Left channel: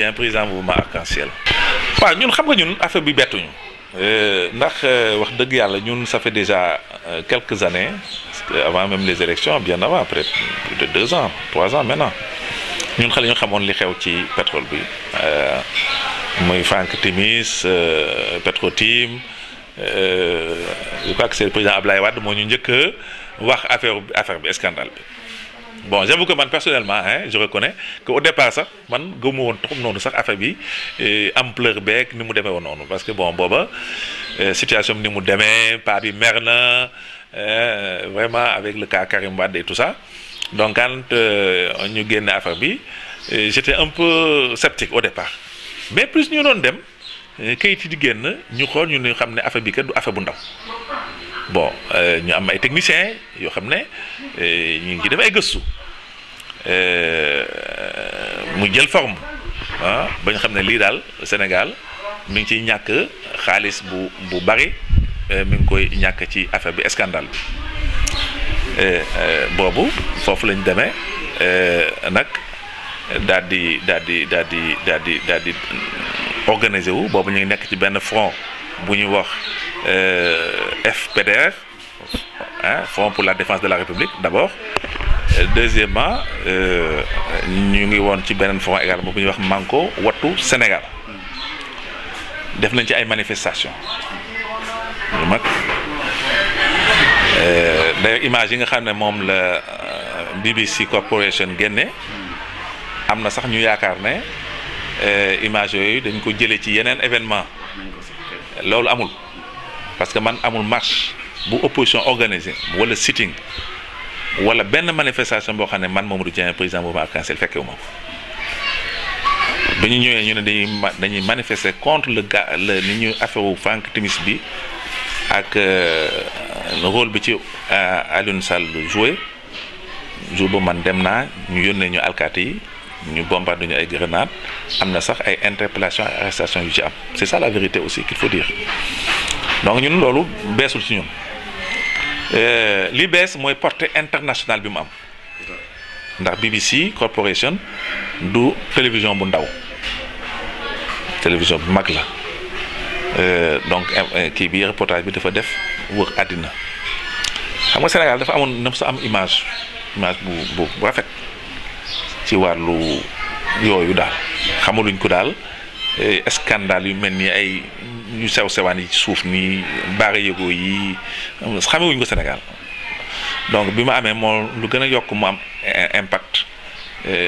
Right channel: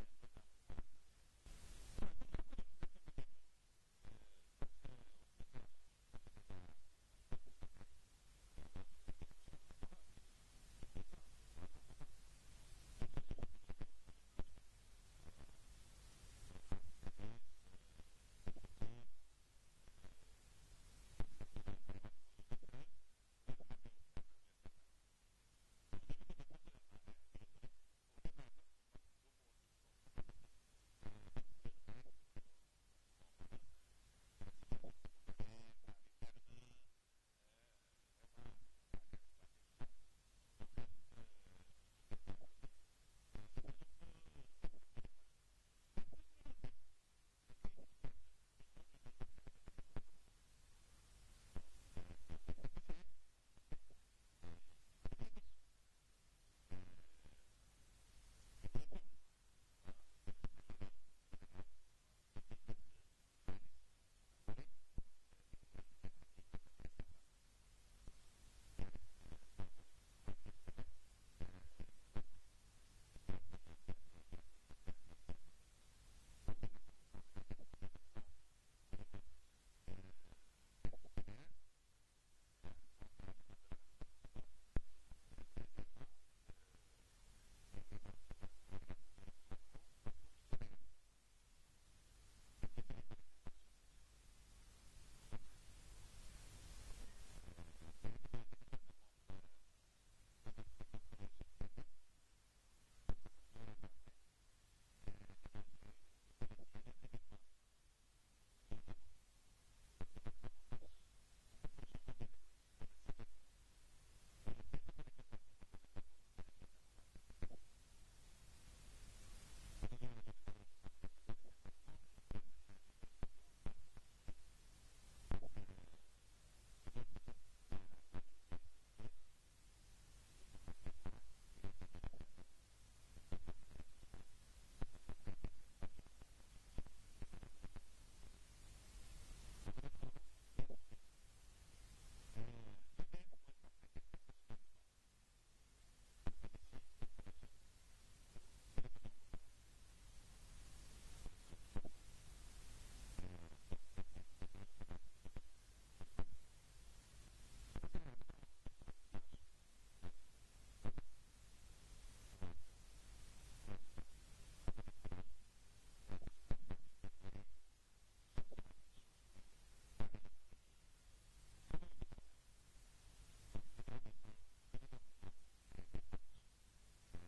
Dieng président mouvement Arc-en-Ciel. waaw ñun xam nga ñun affaire bi bettuñu ndax wax dëgg yàlla ñun ça fait déjà quelques années avant même les élections bien avant après plus de 2 ans 3 ans maintenant ñun xale ñu xamoon li xew ci pétrole bi muy Franck Timis Petrotim je crois que c'est le président Ablaye Wade moo ñu njëkk a wax affaire bi scandale bi. Bon, j'avoue que man personnellement je reconnais qu'au départ sax man gëmu woon trop noonu sax affaire bi ampleur beeg ni mu demee woon noonu parce que bon booba situation bi ni mu demee pa bi mer na vraiment avec le cas Karim Wade et tout ça donc quand ñu génne affaire bi j'étais un peu sceptique au départ mais plus ñu doon dem kayit yi di génn ñu xool ñu xam ne affaire bi kat du affaire bu ndaw. Bon ñu am ay techniciens yoo xam ne ñu ngi ci def ay gëstu mu jël forme ba ñu xam ne lii daal Sénégal mi ngi ciy ñàkk xaalis bu bari mi ngi koy ñàkk ci affaire bi scandale bi boobu foofu lañ demee nag daal di organiser wu boobu ñu ngi nekk ci benn front bu ñuy wax. FPDR Front pour la défense de la République d'abord deuxièmement ñu ngi woon ci beneen front également bu ñuy wax Manko Wattu Sénégal def nañ ci ay manifestations yu mag d'ailleurs image yi nga xam ne moom la BBC Corporation génne am na sax ñu yaakaar ne image yooyu dañ ko jëlee ci yeneen événement loolu amul parce que man amul marche bu opposition organisée wala sitting wala benn manifestation boo xam ne man Mamadou Dieng président mouvement Arc-en-Ciel fekkewu ma ko bi ñu ñëwee ñu ne dañuy manifester contre le ni ñu affaire wu Franck Timis bi ak rôle bi ci Alioune Sall joué jour bu man dem naa ñu yónnee ñu alkaati yi ñu bombardé ñu ay grenades am na sax ay interpellation ay arrestation yu ci am c'est ça la vérité aussi qu'il faut dire donc ñun loolu beesul ci ñun li bees mooy portée internationale bi mu am ndax BBC Corporation du télévision bu ndaw télévision bu mag la donc kii bi reportage bi dafa def wër àddina xam nga Sénégal dafa amoon na sa am image bu rafet ci wàllu yooyu daal xamaluñ ko daal scandale yu mel ni ay ñu sew-sewaan yi ci suuf nii baara yëgoo yi xamewuñ ko Sénégal donc bi ma amee moo lu gën a yokk mu am impact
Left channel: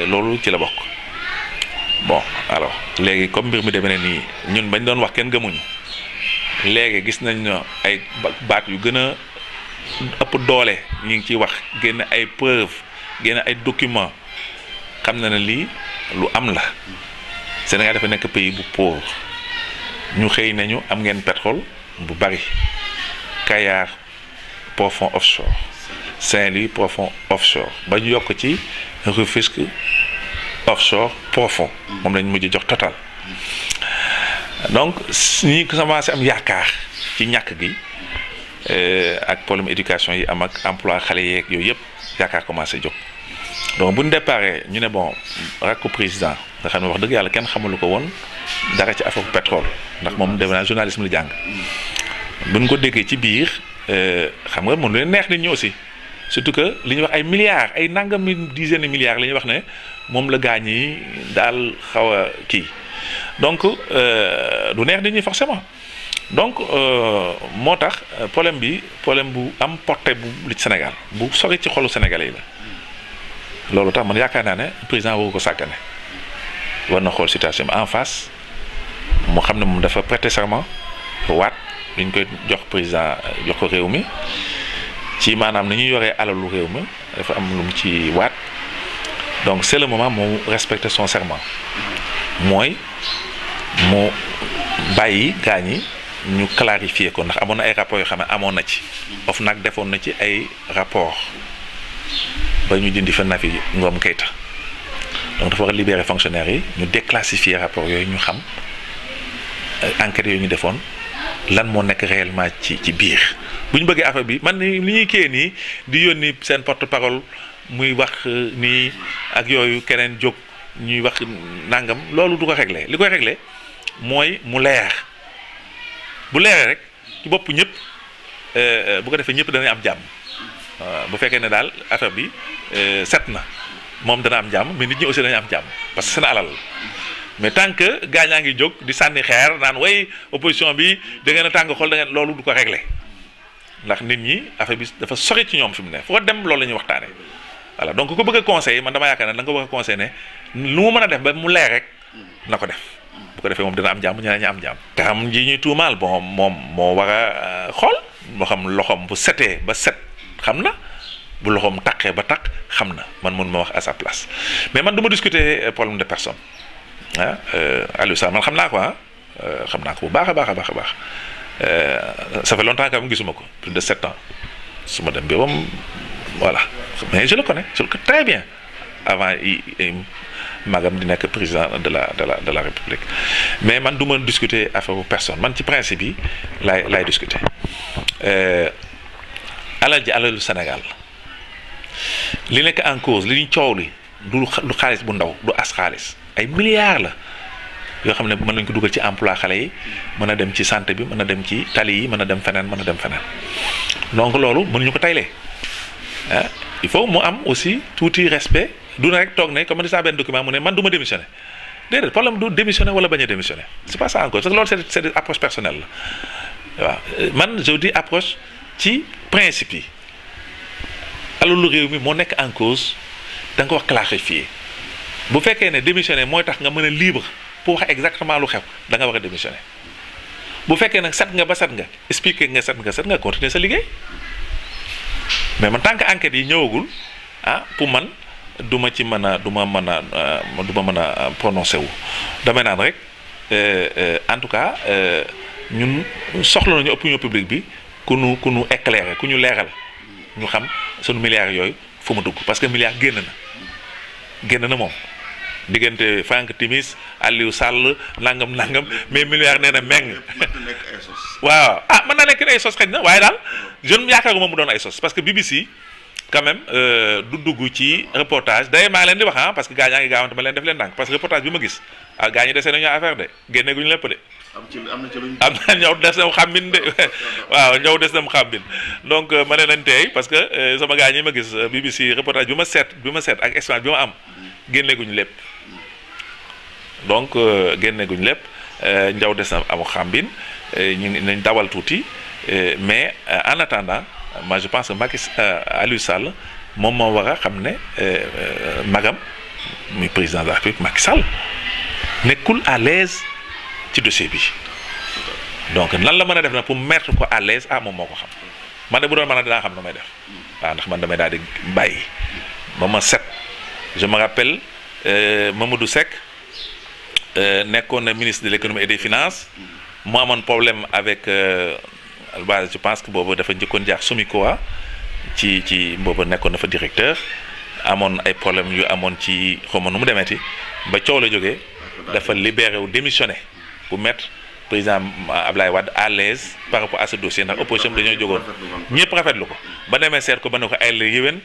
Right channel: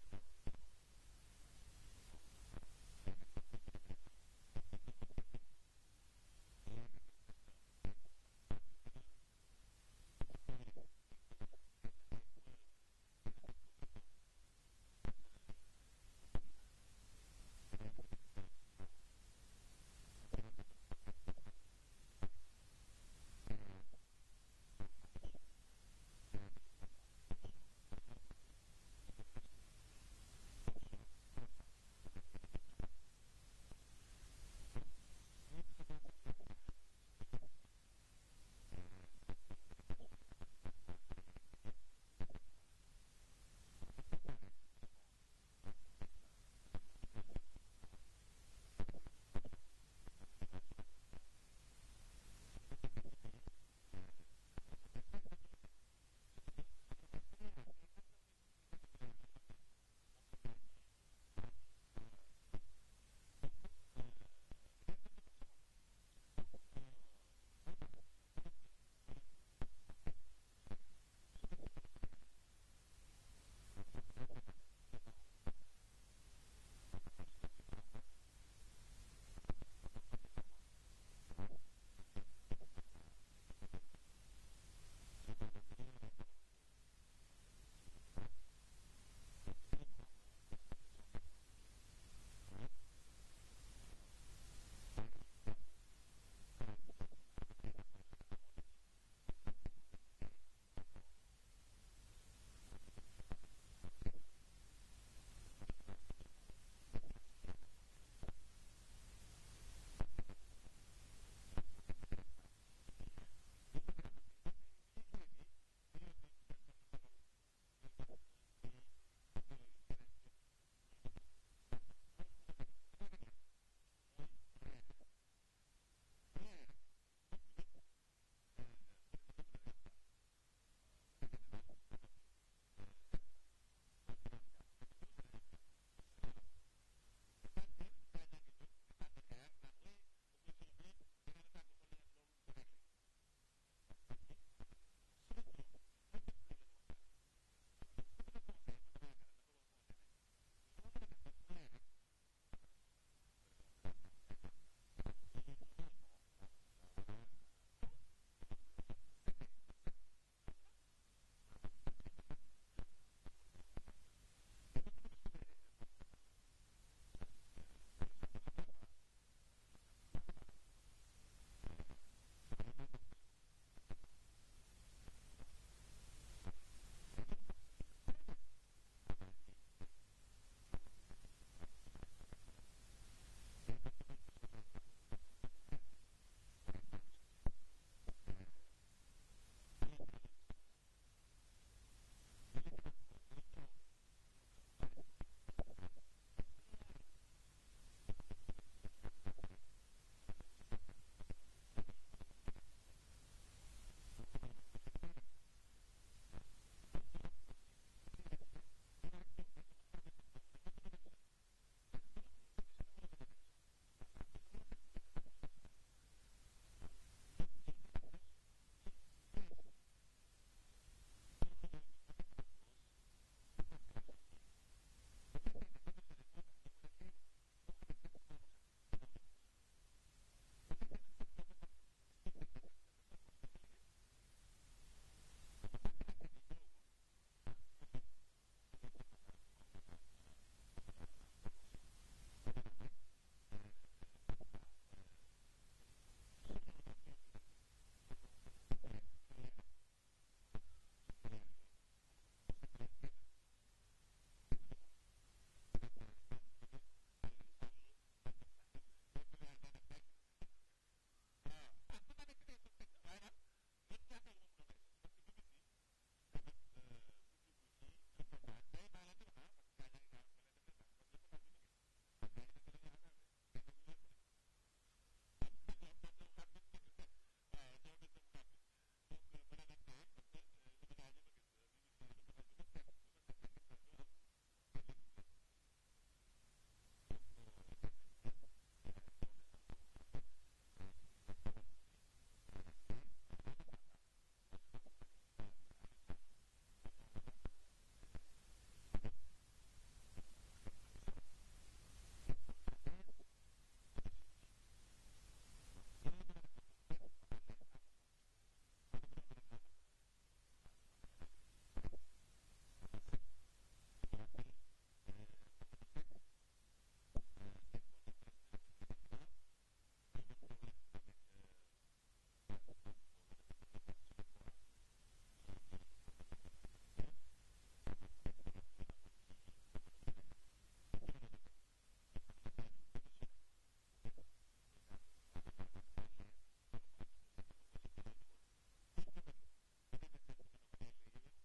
loolu ci la bokk bon alors léegi comme mbir mi demee ne nii ñun bañ doon wax kenn gëmuñu léegi gis nañ ne ay baat yu gën a ëpp doole ñu ngi ciy wax génn ay preuve génn ay documents xam na ne lii lu am la Sénégal dafa nekk pays bu pauvre ñu xëy nañu am ngeen pétrole bu bari Kayar profond offshore Saint-Louis profond offshore ba ñu yokk ci Rufisque offshore profond moom lañ mujj jox Total donc ñi commencé am yaakaar ci ñàkk gi ak problème éducation yi am ak emploi xale yeeg yooyu yëpp yaakaar commencé jóg donc bu ñu déparé ñu ne bon rakku président nga xam ne wax dëgg yàlla kenn xamalu ko woon dara ci affaire pétrole ndax moom defe naa journalisme la jàng bu ñu ko déggee ci biir xam nga mën leen neex nit ñi aussi surtout que li ñuy wax ay milliards ay nangami dizaine de milliards la ñuy wax ne moom la gaañ yi daal xaw a kii donc du neex nit ñi forcément donc moo tax problème bi problème bu am portée bu li ci Sénégal bu sori ci xolu Sénégalais yi la loolu tax man yaakaar naa ne président woo ko sàggane war na xool situation bi en face mu xam ne moom dafa prêter serment waat li ñu koy jox président jox ko réew mi ci maanaam ni ñuy yoree alalu réew mi dafa am lu mu ci waat donc c'est le moment mu respecter son serment mooy mu bàyyi gaañ yi ñu clarifier ko ndax amoon na ay rapports yoo xam ne amoon na ci OFNAC defoon na ci ay rapports ba ñu dindi fa Nafi Ngom Keïta donc dafa war a libérer fonctionnaires yi ñu déclassifier rapport yooyu ñu xam enquêtes yooyu ñu defoon lan moo nekk réellement ci biir bu ñu bëggee affaire bi man li ñuy kii nii di yónni seen porte-parole muy wax nii ak yooyu keneen jóg ñuy wax nangam loolu du ko régler li koy régler mooy mu leer bu leeree rek ci bopp ñëpp bu ko defee ñëpp danañ am jàmm bu fekkee ne daal affaire bi set na moom dana am jàmm mais nit ñi aussi dañu am jàmm parce que seen alal mais tant que gaañaa ngi jóg di sànni xeer naan way opposition bi da ngeen a tàng xol da ngeen loolu du ko régler ndax nit ñi affaire bi dafa sori ci ñoom fi mu ne foo dem loolu la ñuy waxtaane voilà donc ko bëgg a conseiller man dama yaakaar ne da nga ko bëgg a conseiller ne lu mu mën a def ba mu leer rek na ko def bu ko defee moom dina am jàmm ñeneen ñi am jàmm. te xam ji ñuy tuumaal bon moom moo war a xool moo xam loxoom bu setee ba set xam na bu loxoom taqee ba taq xam na man mun ma wax à sa place mais man du ma discuter problème de personne ah Aliou Sall man xam naa ko xam naa ko bu baax a baax a baax a baax ça fait longtemps que même gisuma ko plus de 7 ans su ma dem bi moom voilà mais je le connais très bien avant magam di nekk président de la République mais man du ma discuter affaire personne man ci principe yi laay discuter alal ji alalu Sénégal li nekk en cause li ñu coow li du xaalis bu ndaw du as xaalis ay milliards la yoo xam ne mën nañ ko dugal ci emploi xale yi mën a dem ci santé bi mën a dem ci tali yi mën a dem feneen donc loolu mënuñu ko taylee ah il faut mu am aussi tuuti respect du na rek toog ne comme ni saa benn document mu ne man du ma démissionner déedéet problème du démissionner wala bañ a démissionner c'est pas ça encore parce que loolu c'est des approche personnelle la waaw man je dis approche ci principe yi alalu réew mi moo nekk en cause da nga ko wax clarifier bu fekkee ne démissionner mooy tax nga mën a libre pour wax exactement lu xew da nga war a démissionner bu fekkee nag set nga ba set nga expliquer nga set nga continuer sa liggéey mais man tant que enquête yi ñëwagul pour man du ma ci mën a du ma mën a prononcer wu damay naan rek en tout cas ñun soxla nañu opinion publique bi ku nu éclairer ku ñu leeral ñu xam sunu milliards yooyu fu mu dugg parce que milliards génn na moom diggante Franck Timis Aliou Sall nangam mais milliards nee na meng waaw mën na nekk ay sos xëy na waaye daal jeune yaakaaruma mu doon ay sos parce que BBC quand même du dugg ci reportage d'ailleurs maa leen di wax parce que gaa ñaa ngi gaawante ma leen def leen ndànk parce que reportage bi ma gis gaa ñi desee nañu affaire de génne guñu lépp de am na ñëw des na mu xàmbin de waaw ñëw des na mu xàmbin donc ma ne nañ tey parce que sama gaa ñi ma gis BBC reportage bi ma seet ak expérience bi ma am génne guñu lépp donc génne guñu lépp njaw des na amu xàmbin ñu nañ dawal tuuti mais en attendant moi je pense que Aliou Sall moom moo war a xam ne magam muy président de la République Macky Sall nekkul à l'aise ci dossier bi donc nan la mën a def na pour mettre ko à l'aise moom moo ko xam man de bu doon mën a dinaa xam na may def waaw ndax man damay daal di bàyyi ba ma set je me rappelle Mamadou Seck nekkoon na ministre de l'économie et des finances mu amoon problème avec je pense que boobu dafa njëkkoon jaar Sumikoa ci boobu nekkoon na fa directeur amoon ay problème yu amoon ci xawma nu mu demeeti ba coow la jógee dafa libéré wu démissionné pour mettre président Ablaye Wade à l'aise par rapport à ce dossier ndax opposition bi dañoo jógoon ñëpp rafetlu ko ba demee seet ko ba ne ko ay la yéwén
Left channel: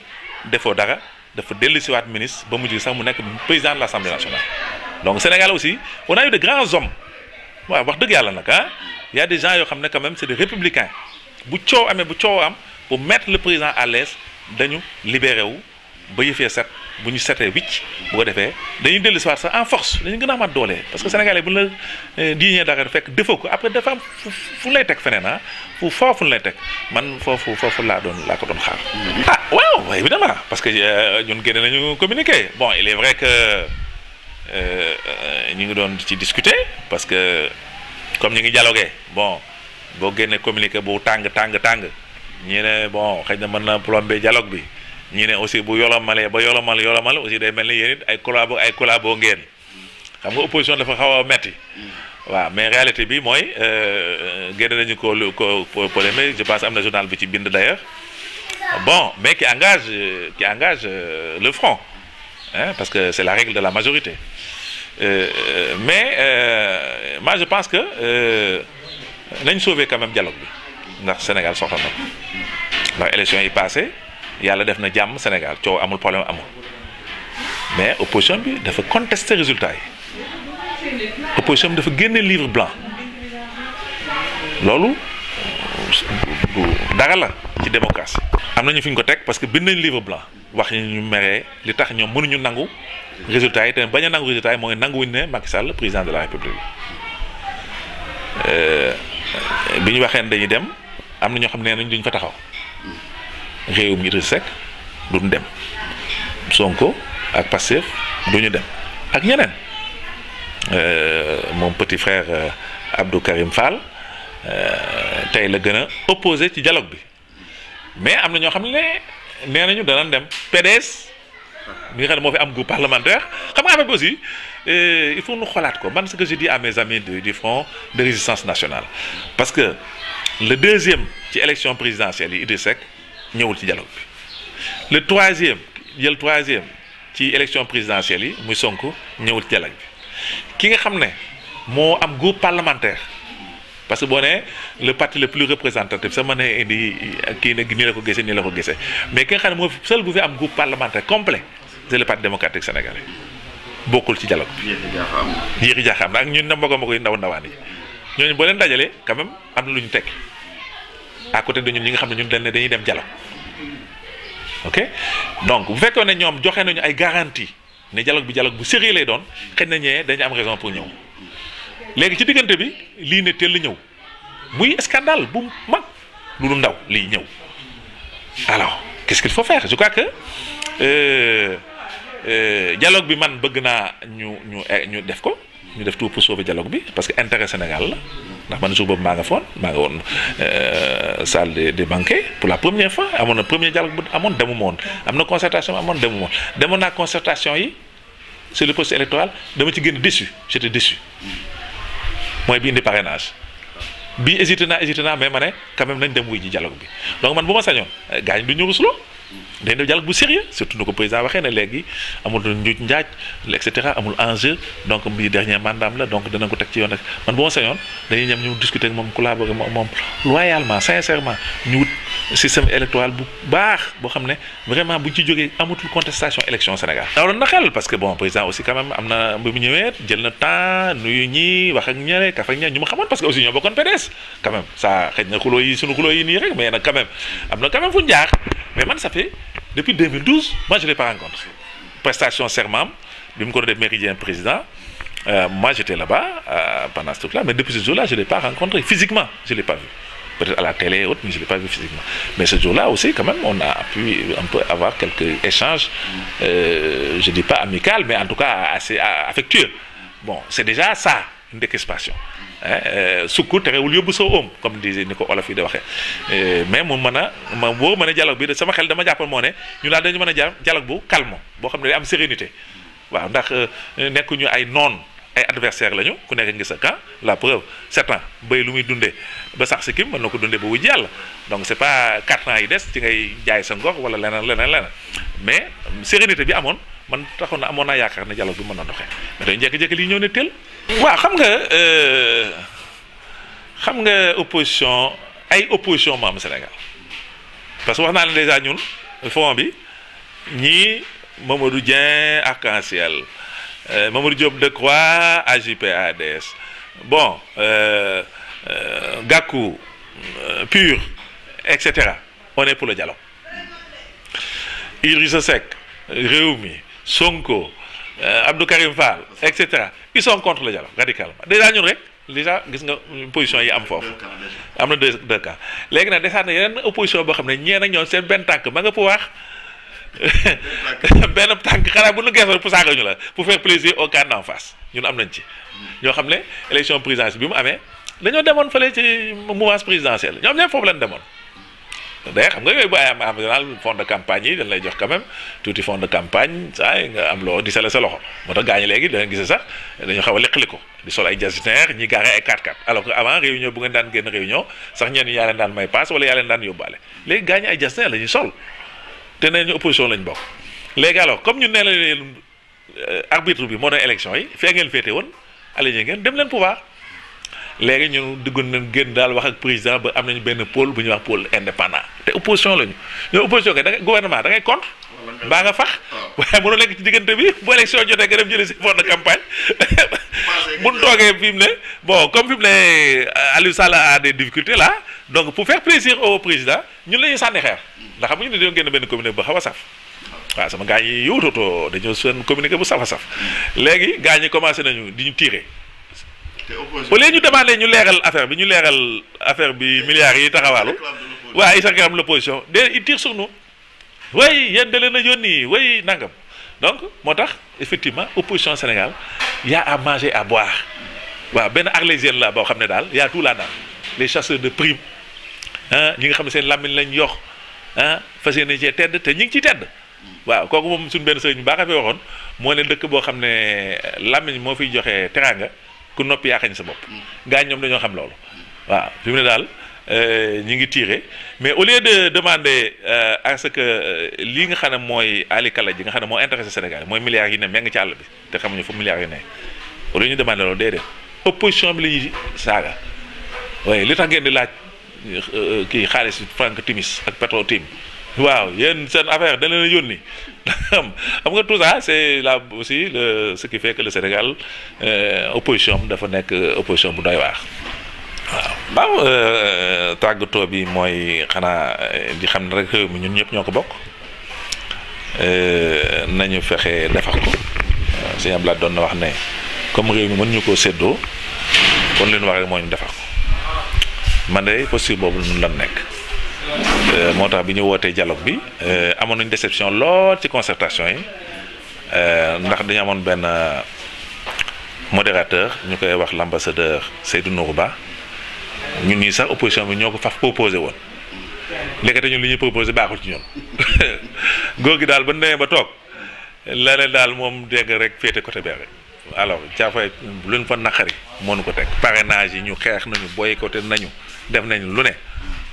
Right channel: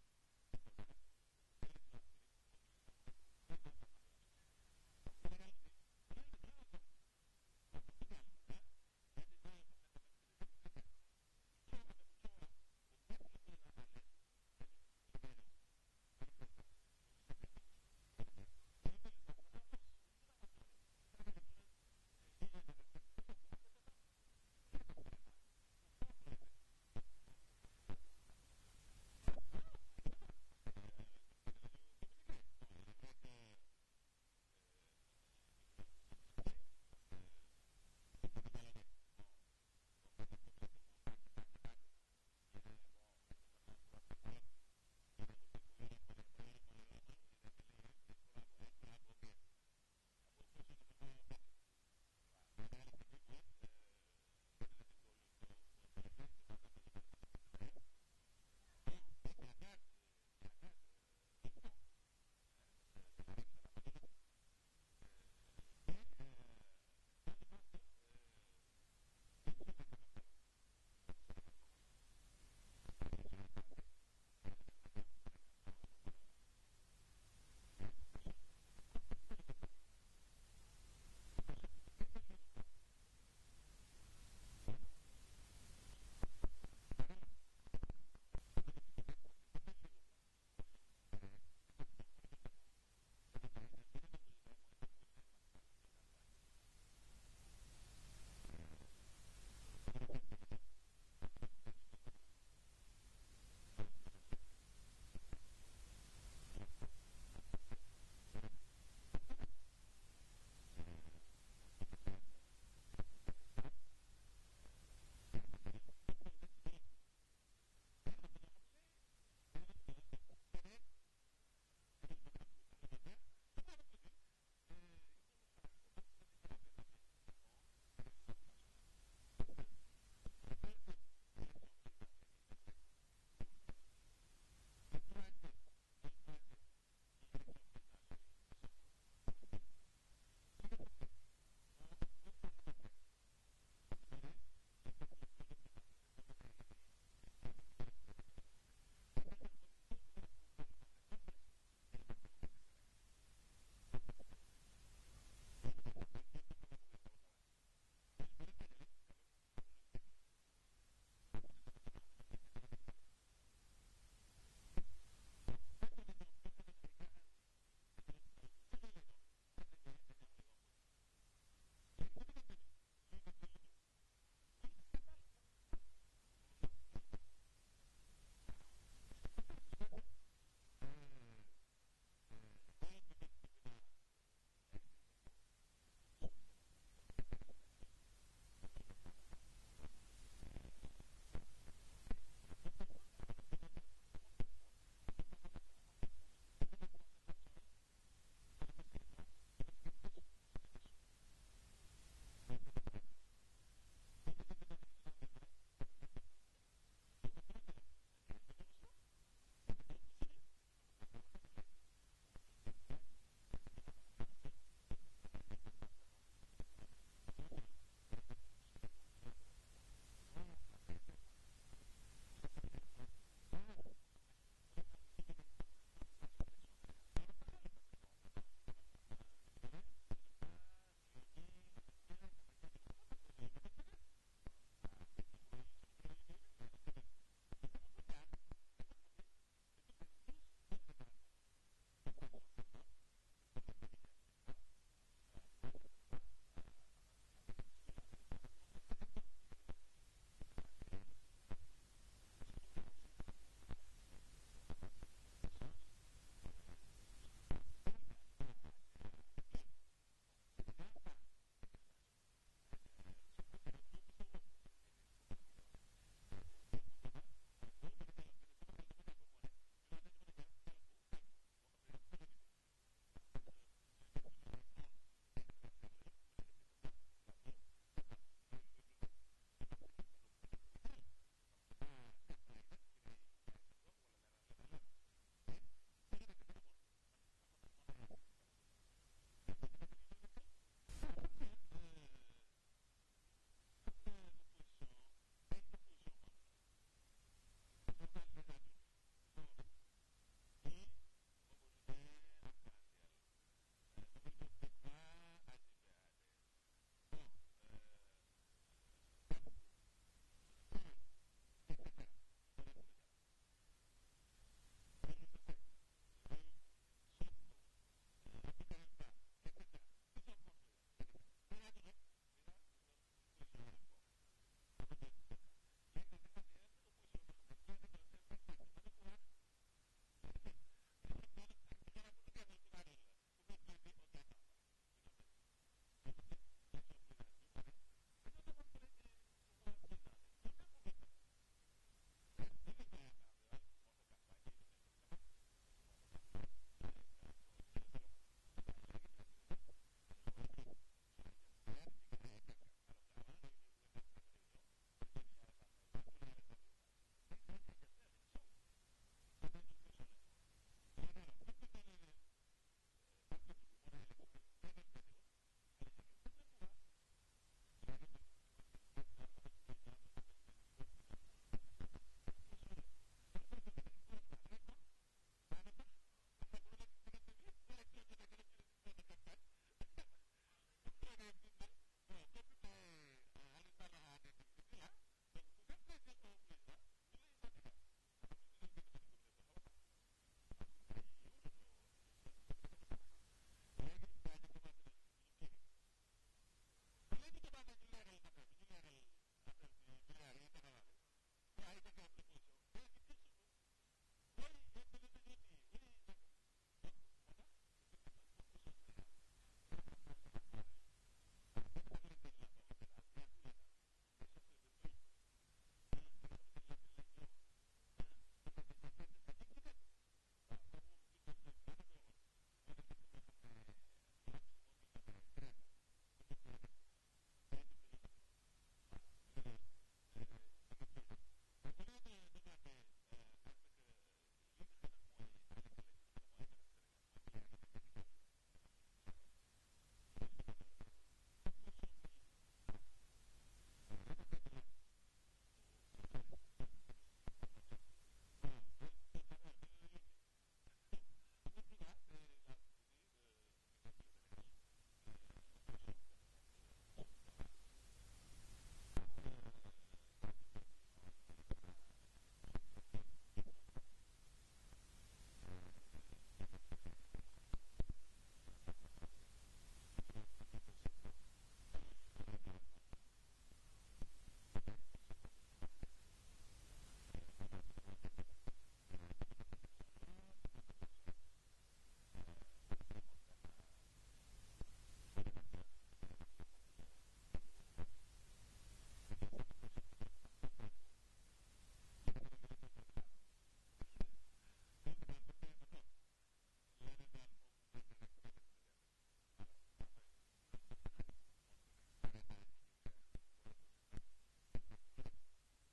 defoo dara dafa dellu siwaat ministre ba mujj sax mu nekk président de l'Assemblée nationale donc Sénégal aussi on a eu de grands hommes waaw wax dëgg yàlla nag y a des gens yoo xam ne quand même c'est des républicains bu coow amee bu coow am pour mettre le président à l'aise dañu libéré wu ba yëfee set bu ñu setee wicc bu ko defee dañuy dellu si waat sax en force dañu gën a amaat doole parce que sénégalais bu la diñee dara fekk defoo ko après dafa am fu lay teg feneen fu foofu lay teg man foofu laa ko doon xaar waaw évidemment parce que ñun génne nañu communiqué bon il est vrai que ñu ngi doon ci discuter parce que comme ñu ngi dialogué bon boo génnee communiqué bu tàng ñi ne bon xëy na mën na plomber dialogue bi ñi ne aussi bu yolomalee ba yolomal aussi day mel ni yéen it ay collabo ngeen xam nga opposition dafa xaw a metti waaw mais réalité bi mooy génne nañu ko polémique je pense am na journal bi ci bind d'ailleurs bon mais qui engage le front parce que c'est la règle de la majorité mais moi je pense que nañ sauver quand même dialogue bi ndax Sénégal soxla na ko ndax élection yi passé yàlla def na jàmm Sénégal coow amul problème amul mais opposition bi dafa contester résultat yi opposition bi dafa génne livre blanc loolu du dara la ci démocratie. am nañu fi ñu ko teg parce que bind nañ livre blanc wax ñu meree li tax ñoom mënuñu nangu résultat yi te bañ a nangu résultat yi mooy nanguwuñ ne Macky Sall président de la République bi ñu waxee ne dañuy dem am na ñoo xam ne nañ duñ fa taxaw réew mi Idrissa Seck duñ dem Sonko ak Pastef duñu dem ak ñeneen mon petit frère Abdou Karim Fall tey la gën a opposé ci dialogue bi mais am na ñoo xam ne nee nañu danañ dem PDS mi nga xam ne moo fi am groupe parlementaire xam nga affaire bi aussi il faut ñu xoolaat ko man ce que je dis à mes amis du Front de résistance nationale parce que le deuxième ci élection présidentielle yi Idrissa Seck ñëwul ci dialogue bi le troisième ci élection présidentielle yi muy Sonko ñëwul ci dialogue bi ki nga xam ne moo am groupe parlementaire parce que boo nee le parti le plus représentatif sa mën a indi kii ne nii la ko gisee nii la ko gisee mais ki nga xam ne moo seul bu fi am groupe parlementaire complet c'est le parti démocratique sénégalais bokkul ci dialogue bi. yéexi jaaxaam ak ñun na mbokk yi ndaw ndawaan yi ñooñu boo leen dajalee quand même am na lu ñu tekki à côté de ñun ñi nga xam ne ñun dañuy dem dialogue ok donc bu fekkoon ne ñoom joxe nañu ay garantie ne dialogue bu sérieux lay doon xëy na ñee dañu am raison pour ñëw. léegi ci diggante bi lii ne teel la ñëw muy scandale bu mag lu ndaw lii ñëw alors qu'est-ce qu'il faut faire je crois que dialogue bi man bëgg naa ñu def ko ñu def tout pour sauver dialogue bi parce que intérêt Sénégal la ndax man jour boobu maa nga woon salle des banquets pour la première fois amoon na premier dialogue bu amoon demu moon am na concertation amoon demu moon demoon naa concertation yi sur le processus électoral dama ci génn déçu j'étais déçu mooy bi indi parrainage bi hésité naa mais ma ne quand même nañ dem wuy ji dialogue bi donc man bu ma sañoon gaañ du ñu rusloo dañ def dialogue bu sérieux surtout nu ko président waxee ne léegi amul njuuj njaaj et cetera amul enjeu donc bii dernier mandat la donc danañ ko teg ci yoon rek man bu ma sañoon dañuy ñem ñu discuter ak moom collaborer moom loyalement sincèrement ñu wut système électoral bu baax boo xam ne vraiment bu ci jógee amatul contestation élection Sénégal. daaw na xel parce que bon président aussi quand même am na bi mu ñëwee jël na temps nuyu ñi wax ak ñeneen kaf ak ñeneen ñu ma xamoon parce que aussi ñoo bokkoon PDS quand même ça xëy na xuloo yi sunu xuloo yi nii rek mais nag quand même am na quand même fu ñu jaar mais man ça fait depuis 2012 moi je l'ai pas rencontré prestation serment bi mu ko def méridien président moi j'étais là-bas pendant ce truc-là mais depuis ce jour-là je l'ai pas rencontré physiquement je l'ai pas vu. Peut-être à la télé et autres, mais je ne l'ai pas vu physiquement. Mais ce jour-là aussi, quand même, on a pu un peu avoir quelques échanges, je ne dis pas amical, mais en tout cas assez affectueux. Bon, c'est déjà ça, une décrispation. Sukku terewul yóbbu sa oom comme disait ni ko olof yi di waxee mais mu mën a dialogue bi sama xel dama jàppoon moo ne ñu daal dañu mën a dialogue bu calme boo xam ne day am sérénité waaw ndax nekkuñu ay noon ay adversaire lañu ku nekk ngi sa camp la preuve 7 ans béy lu muy dundee ba sax si kim mën na ko dundee ba wuj yàlla donc c'est pas 4 ans yi des ci ngay jaay sa ngor wala leneen mais sérénité bi amoon man taxoon na amoon naa yaakaar ne dialogue bi mën na doxee mais dañu jékki-jékki lii ñëw ne teel. waaw xam nga opposition ay opposition moo am Sénégal parce que wax naa leen déjà ñun front bi ñii Mamadou Dieng Arc-en-Ciel Mamadou Diop Decroix AJ/PADS bon Gakou PUR etc. on est pour le dialogue. Idrissa Seck Rewmi Sonko Abdou Karim Fall etc. ils sont contre le dialogue radicalement déjà ñun rek déjà gis nga position yi am foofu am na deux cas léegi nag desaat na yeneen opposition boo xam ne ñeen ak ñoom seen benn tànk ma nga pouvoir benn tànk xanaa bu nu geesoo pour saaga ñu la pour faire plaisir au camp d'en face ñun am nañ ci ñoo xam ne élection présidentielle bi mu amee dañoo demoon fële ci mouvance présidentielle ñoom ñëpp foofu lañ demoon d'ailleurs xam nga yooyu bu ay am en général fond de campagne yi dañ lay jox quand même tuuti fond de campagne saa nga am loo di sale sa loxo moo tax gaañi léegi da nga gis sax dañu xaw a liqali ko di sol ay jasinaire ñi gaare ay 4x4 alors que avant réunion bu ngeen daan génn réunion sax ñenn yaa leen daan may passe wala yaa leen daan yóbbaale léegi gaañi ay jasinaire la ñuy sol te nee ñu opposition lañ bokk léegi alors comme ñu nee la leen arbitre bi moo doon élection yi fee ngeen féete woon aligné ngeen dem leen pouvoir léegi ñun duggoon nañ génn daal wax ak président ba am nañu benn pôle bu ñuy wax pôle indépendant te opposition lañu ñoo opposition kay da ngay gouvernement da ngay contre mbaa nga fax waaye mënoo nekk ci diggante bi bu élection jotee nga dem jëlee si fonds de campagne bu ñu toogee fi mu ne bon comme fi mu ne Aliou Sall a des difficultés là donc pour faire plaisir au président ñun la ñuy sànni xeer ndax xam nga ñu ne dañoo génn benn communiqué bu xaw a saf waaw sama gars yi yowtoto dañoo seen communiqué bu saf a saf léegi gars ñi commencé nañu di ñu tirer au lieu ñu demandé ñu leeral affaire bi milliards yi taxawaalu waaw ils réclament l'opposition de ils tirent sur nous way yéen da leen a yónni way nangam donc moo tax effectivement opposition Sénégal y a à manger à boire waaw benn arlésienne la boo xam ne daal y a tout là-dedans les chasseurs de primes ah ñi nga xam ne seen làmmiñ lañ yox ah fas yéene cee tedd te ñi ngi ciy tedd waaw kooku moom suñu benn sëriñ bu baax a fi waxoon moo ne dëkk boo xam ne làmmiñ moo fiy joxe teraanga ku noppi yaa xañ sa bopp gars ñoom dañoo xam loolu waaw fi mu ne daal ñi ngi tiré mais au lieu de demander à ce que lii nga xam ne mooy alikala ji nga xam ne moo intéressé Sénégal mooy milliards yi ne meng ci àll bi te xamuñu fu milliards yi ne au lieu ñu demander loolu déedéet opposition bi la ñuy saaga waaye li tax ngeen di laaj kii xaalis Franck Timis ak Petro Tim waaw yéen seen affaire da leen a yónni xam nga tout ça c'est là aussi ce qui fait que le Sénégal opposition dafa nekk opposition bu doy waar waaw tàggatoo bi mooy xanaa di xam ne rek réew mi ñun ñëpp ñoo ko bokk nañu fexe defar ko sëñ Abdoulaye doon na wax ne comme réew mi mën ñu koo séddoo kon leen wax rek moo ñu defar ko man de posture boobu nun lan nekk moo tax bi ñu wootee dialogue bi amoon nañu déception lool ci concertation yi ndax dañu amoon benn modérateur ñu koy wax l'ambassadeur Seydou Nourou Ba ñun ñii sax opposition bi ñoo ko faf proposé woon léegi te ñun li ñuy proposé baaxul ci ñun góor gi daal ba nee ba toog leneen daal moom dégg rek féete côté bee rek alors caafay luñ fa naqari mënu ko teg parrainage yi ñu xeex nañu boycotté nañu def nañu lu ne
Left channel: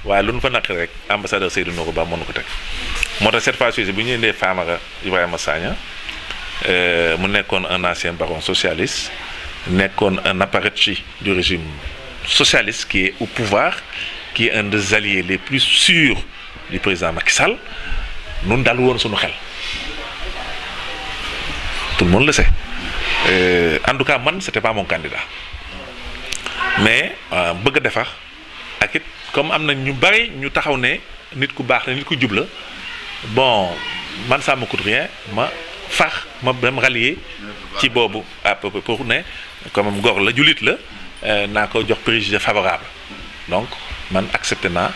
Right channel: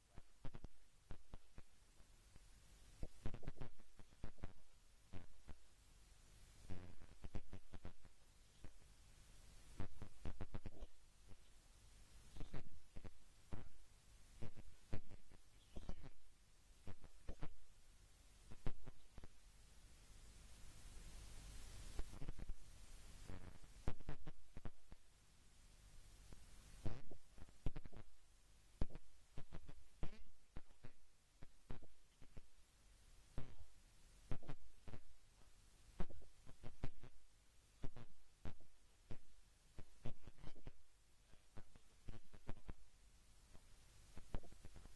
waaye luñ fa naqari rek ambassadeur Seydou Nourou Ba mënu ko teg moo tax cette fois-ci bu ñu indee Famara Ibrahima Sagna mu nekkoon un ancien baron socialiste nekkoon un apparatchik du régime socialiste qui est au pouvoir qui est un des alliés les plus sûrs du président Macky Sall nun daal woon suñu xel tout le monde le sait en tout cas man c'était pas mon candidat mais bëgg a defar ak it comme am na ñu bari ñu taxaw ne nit ku baax la nit ku jub la bon man ça me coûte rien ma fax ma dem rallier ci boobu à peu près pour ne comme góor la jullit la naa ko jox préjugé favorable donc man accepté naa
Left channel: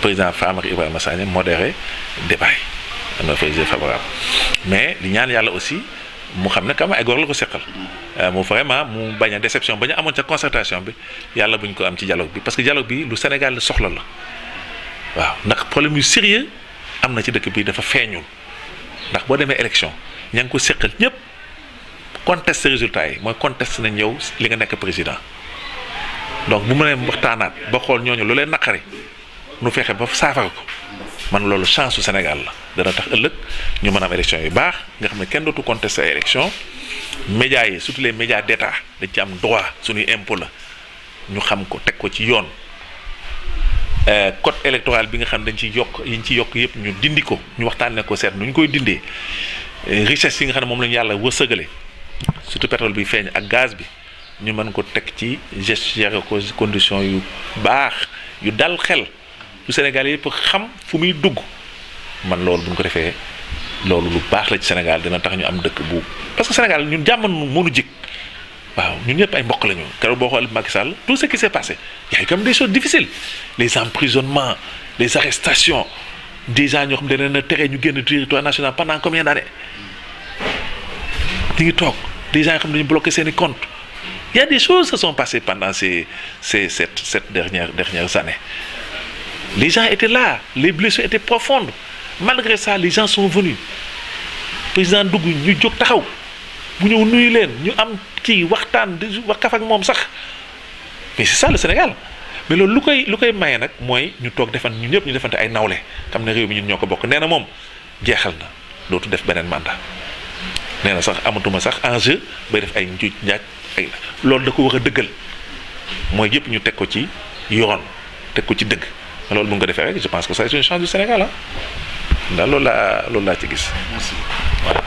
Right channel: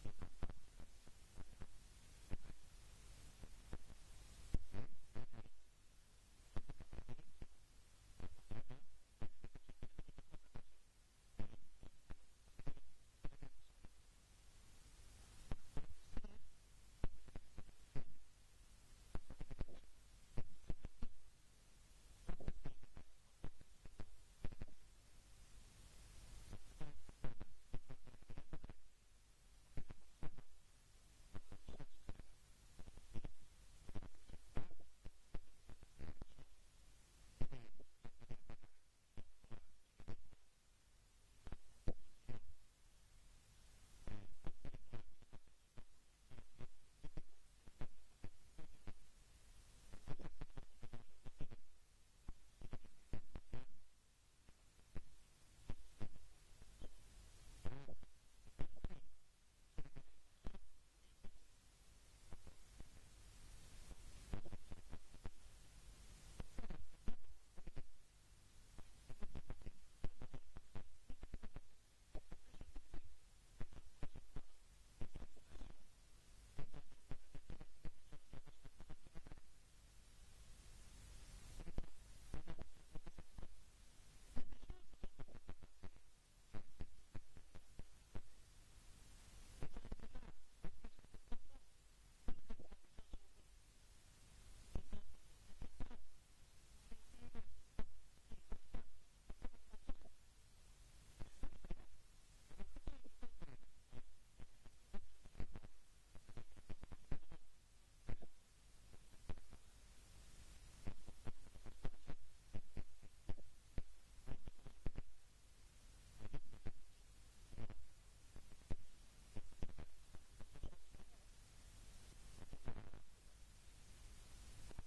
président Famara Ibrahima Sagna modéré débat yi am na préjugé favorable mais di ñaan yàlla aussi mu xam ne quand même ay góor la ko seqal mu vraiment mu bañ a déception ba ñu amoon ca concertation bi yàlla buñ ko am ci dialogue bi parce que dialogue bi lu Sénégal soxla la waaw ndax problème yu sérieux am na ci dëkk bi dafa feeñul ndax boo demee élection ña ngi ko seqal ñëpp conteste résultat yi mooy conteste nañ yow li nga nekk président donc bu mu nee waxtaanaat ba xool ñooñu lu leen naqari nu fexe ba saafara ko man loolu chance su Sénégal la dana tax ëllëg ñu mën a am élection yu baax nga xam ne kenn dootu contester ay élection médias yi surtout les médias d'État dañ ci am droit suñuy impôt la ñu xam ko teg ko ci yoon code électoral bi nga xam dañ ci yokk yi ñu ci yokk yëpp ñu dindi ko ñu waxtaanee ko seet nu ñu koy dindee richesse yi nga xam ne moom lañu yàlla wërsëgale surtout pétrole bi feeñ ak gaz bi ñu mën ko teg ci gérer ko condition yu baax yu dal xel yu Sénégal yëpp xam fu muy dugg man loolu bu ñu ko defee loolu lu baax la ci Sénégal dina tax ñu am dëkk bu parce que Sénégal ñun jàmm mënu jik waaw ñun ñëpp ay mbokk la ñu keroog boo xoolee Macky Sall tout ce qui s'est passé y a eu quand même des choses difficiles les emprisonnements les arrestations des gens ñoo xam ne dañ leen a tere ñu génn territoire national pendant combien d'années ñu ngi toog des gens yoo xam ne dañu bloqué seen i comptes il y a des choses qui se sont passées pendant cette dernières années les gens étaient là les blessures étaient profondes malgré ça les gens sont venus président dugg ñu jóg taxaw bu ñëw nuyu leen ñu am kii waxtaan di wax kaf ak moom sax mais c'est ça le Sénégal mais loolu lu koy maye nag mooy ñu toog ñu ñëpp ñu defante ay nawle xam ne réew mi ñun ñoo ko bokk nee na moom jeexal na dootu def beneen mandat nee na sax amatuma sax enjeu bay def ay njuuj njaaj ay loolu da ko war a dëggal mooy yëpp ñu teg ko ci yoon teg ko ci dëgg loolu bu nga ko defee rek je pense que ça c'est une chance du Sénégal ah. ndax loolu laa ci gis. merci. voilà.